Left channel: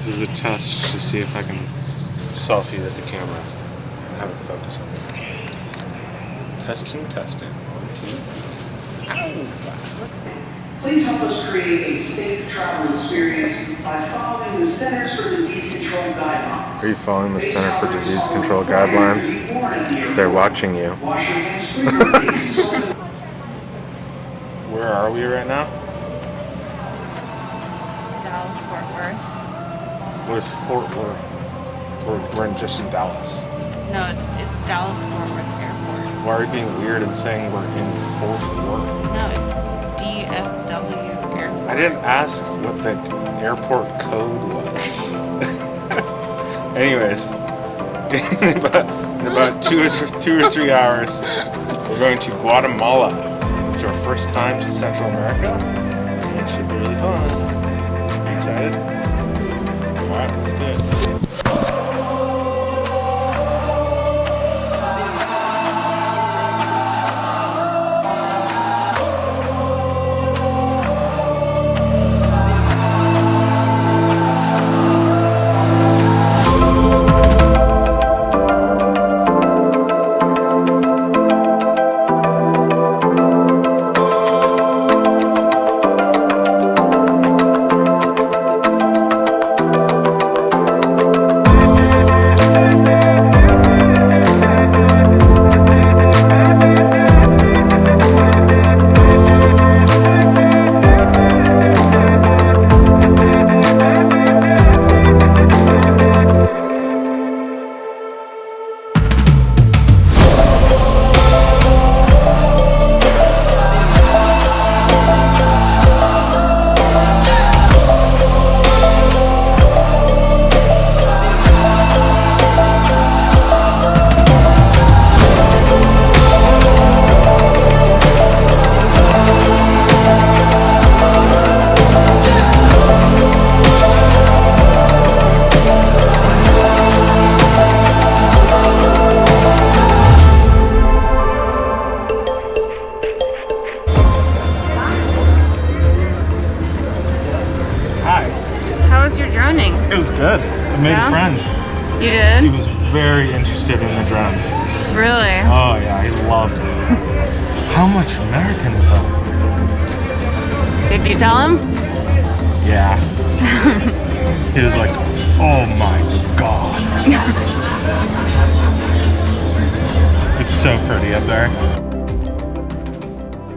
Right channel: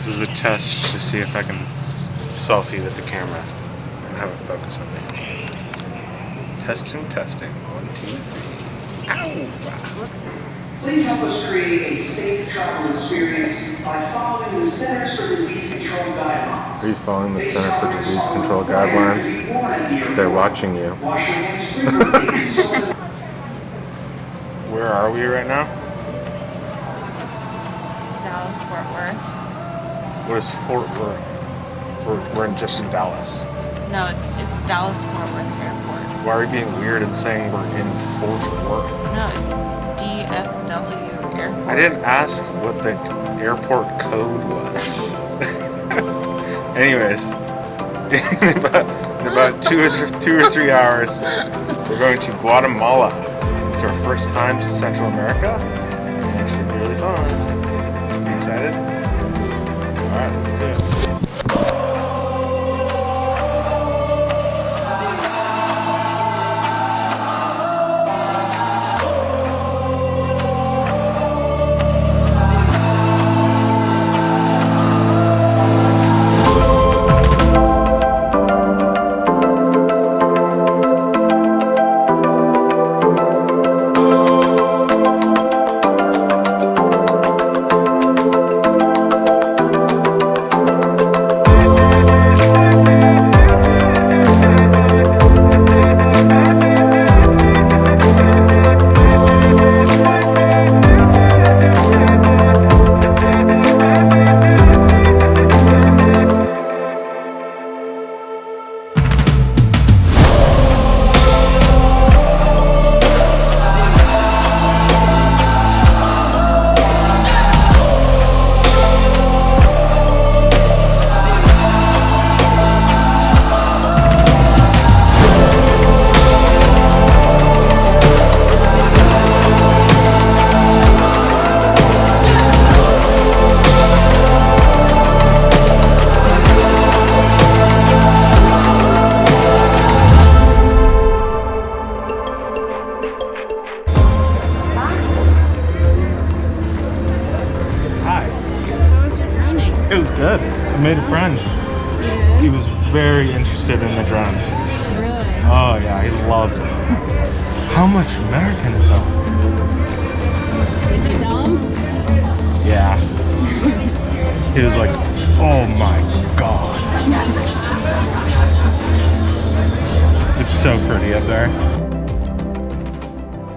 This is a test to see if I can selfie with the camera and have it focus on me. Testing, testing. 1, 2, 3. Ow! Please help us create a safe travel experience by following the Centers for Disease Control guidelines. Are you following the Center for Disease Control guidelines? They're watching you. Where are we right now? Dallas, Fort Worth. What is Fort Worth? We're just in Dallas. No, it's Dallas Fort Worth Airport. Why are we being weird and saying we're in Fort Worth? No, it's DFW Airport. I didn't ask what the airport code was. Anyways, in about 2 or 3 hours, we're going to Guatemala. It's our first time to Central America, and it should be really fun. You excited? All right, let's do it. It was good. I made a friend. You did? He was very interested in the drone. Really? Oh yeah, he loved it. How much American is that? Did you tell him? Yeah. He was like, oh my god. It's so pretty up there.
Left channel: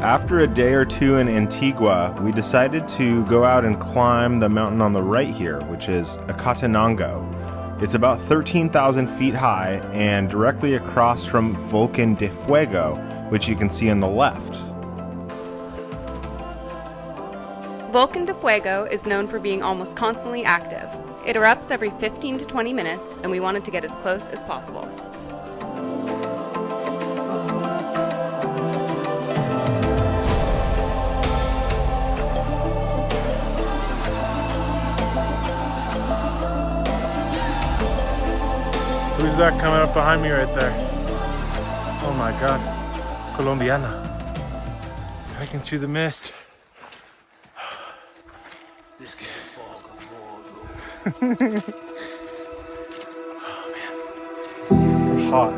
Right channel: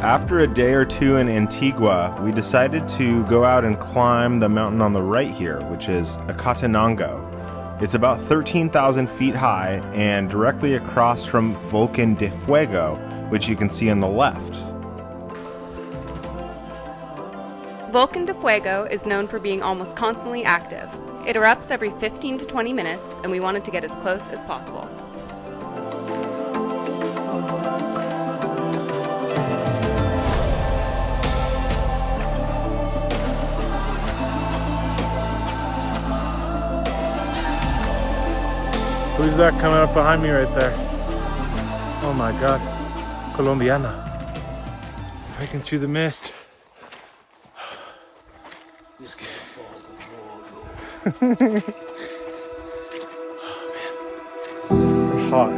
After a day or two in Antigua, we decided to go out and climb the mountain on the right here, which is Acatenango. It's about 13,000 feet high and directly across from Vulcan de Fuego, which you can see on the left. Vulcan de Fuego is known for being almost constantly active. It erupts every 15 to 20 minutes, and we wanted to get as close as possible. Who's that coming up behind me right there? Oh my god. Colombiana. Hiking through the mist. This guy. Oh man. It's hot.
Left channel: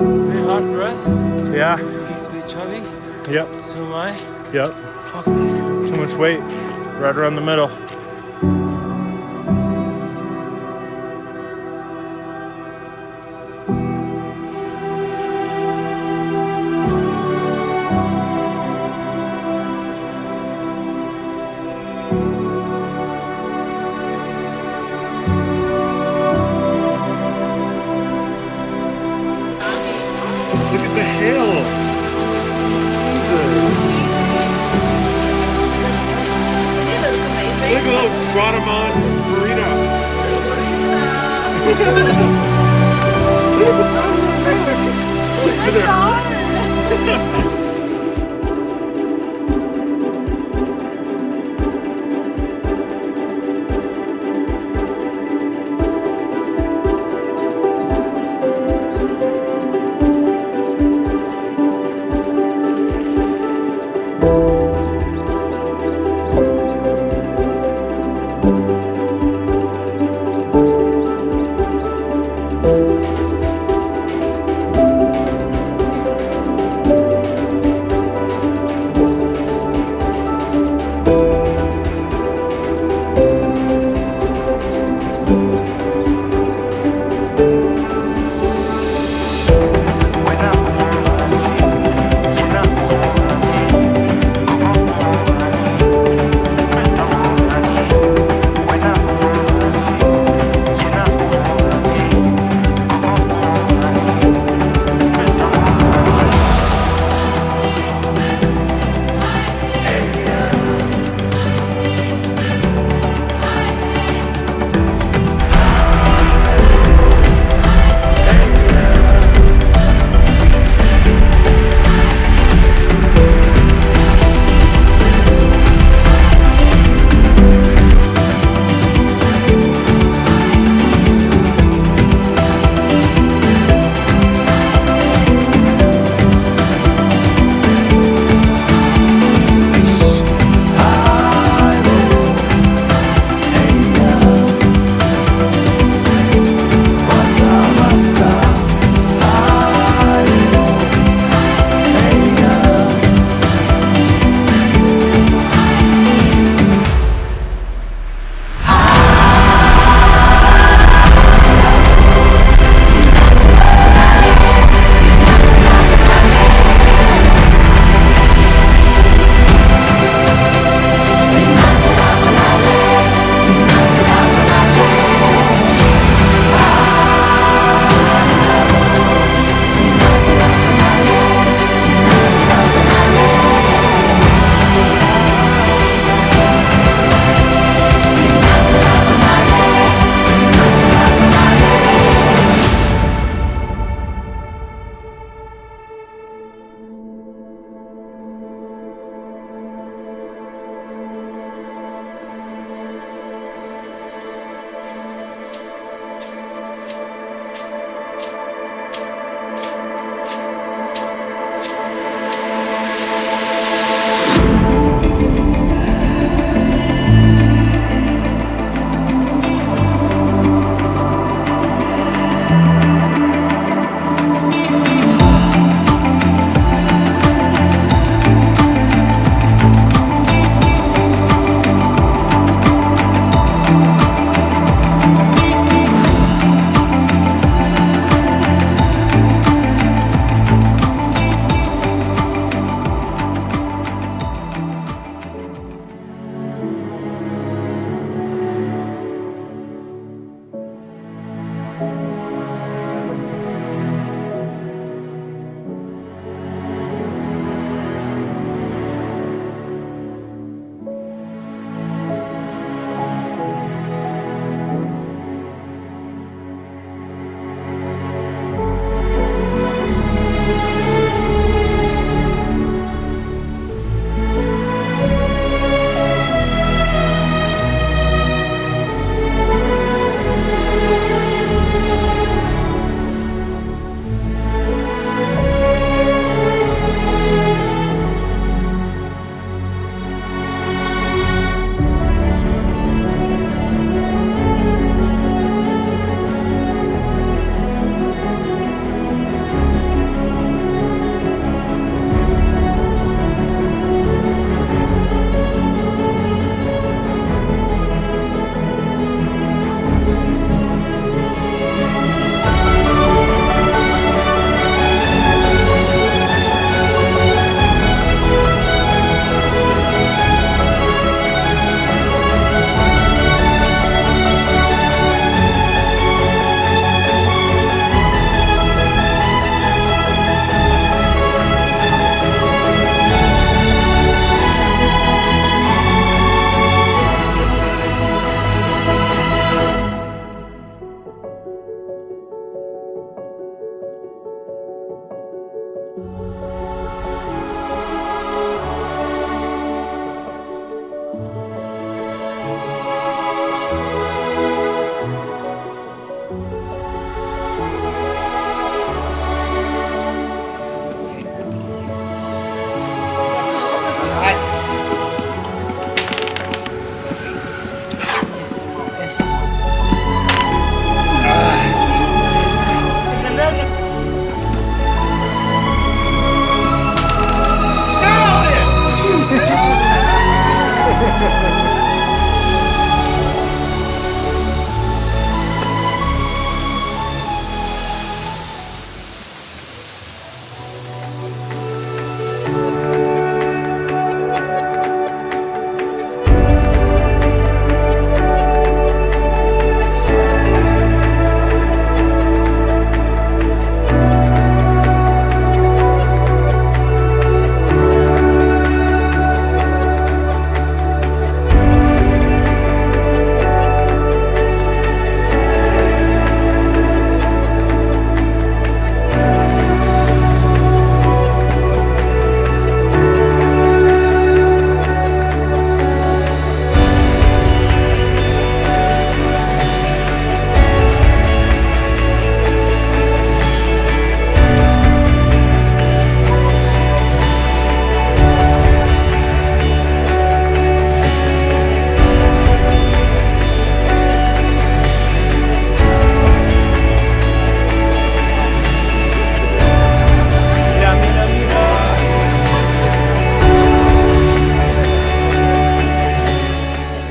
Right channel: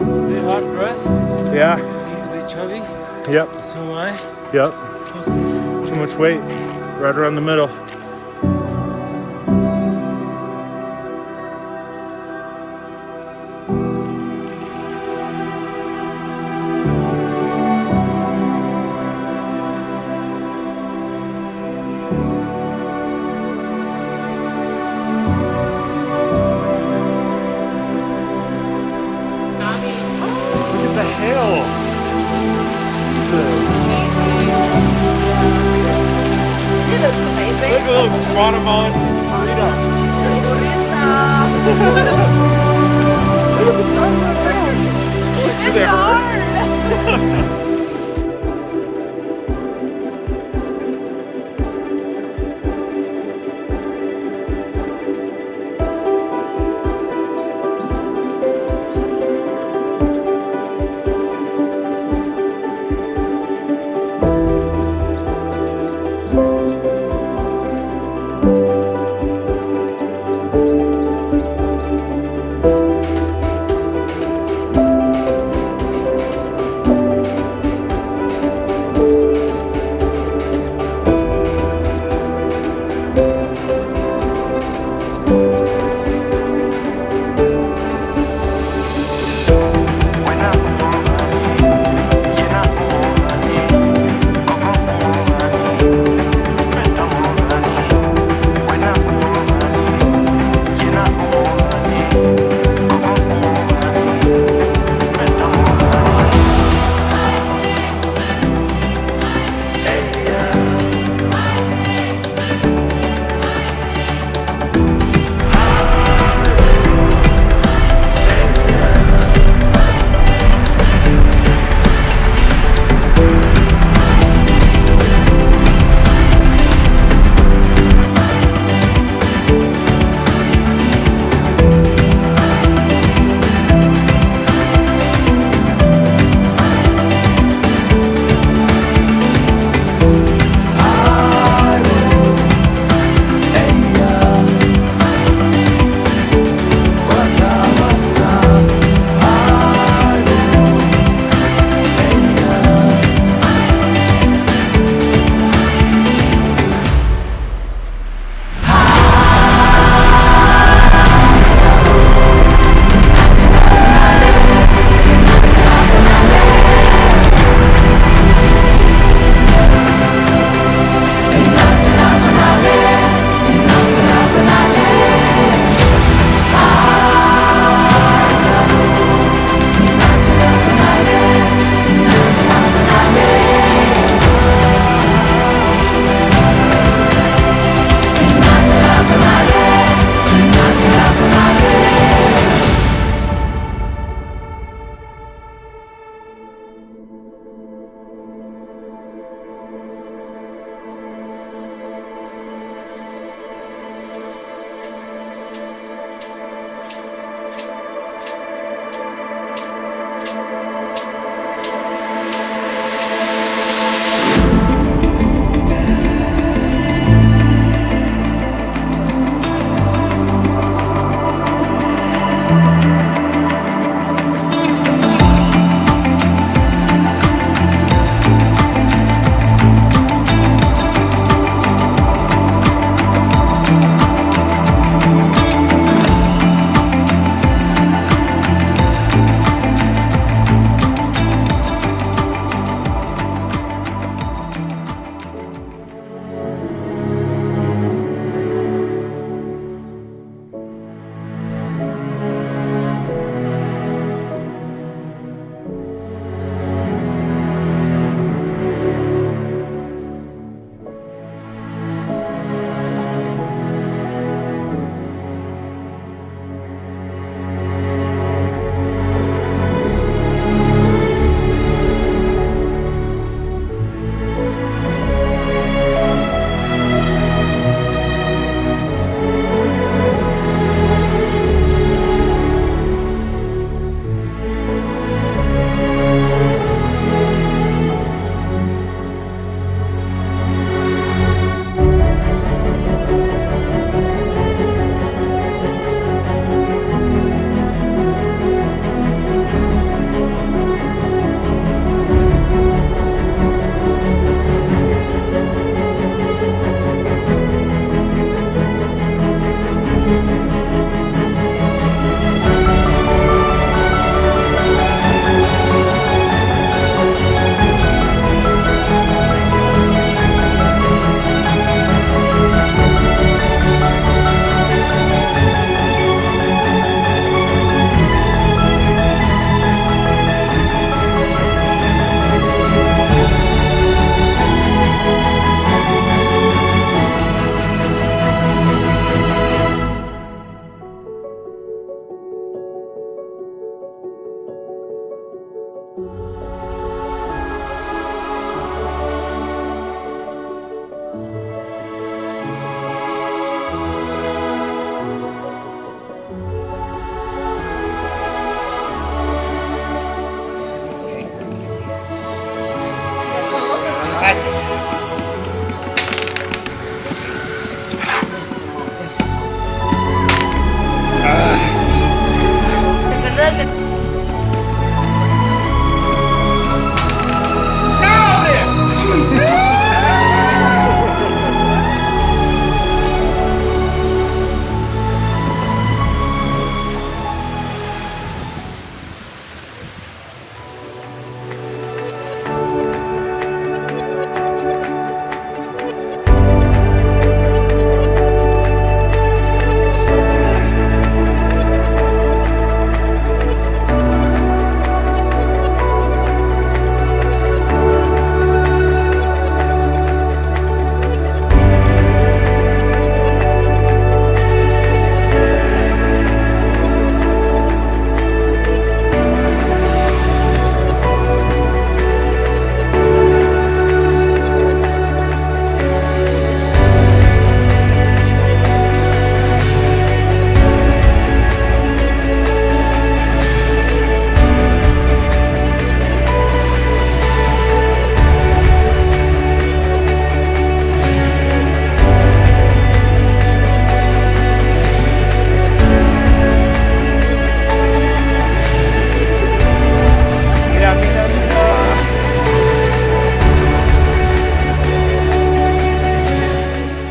It's a bit hot for us. Yeah. He's a bit chubby. Yep. So am I. Yep. Fuck this. Too much weight. Right around the middle. Look at the hail! Jesus! She looks amazing. Look at the Guatemalan burrito! Look at the size of that thing! It's hard.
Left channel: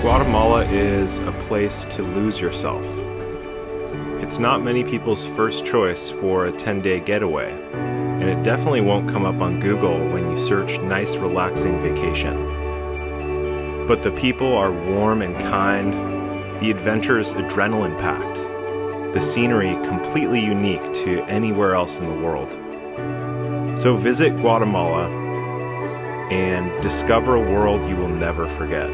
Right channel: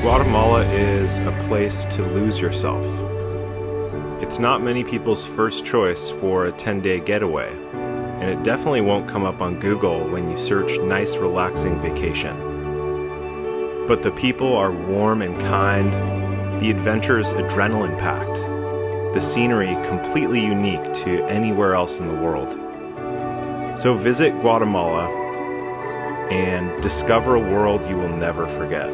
Guatemala is a place to lose yourself. It's not many people's first choice for a 10-day getaway, and it definitely won't come up on Google when you search nice, relaxing vacation. But the people are warm and kind, the adventure's adrenaline-packed, the scenery completely unique to anywhere else in the world. So visit Guatemala and discover a world you will never forget.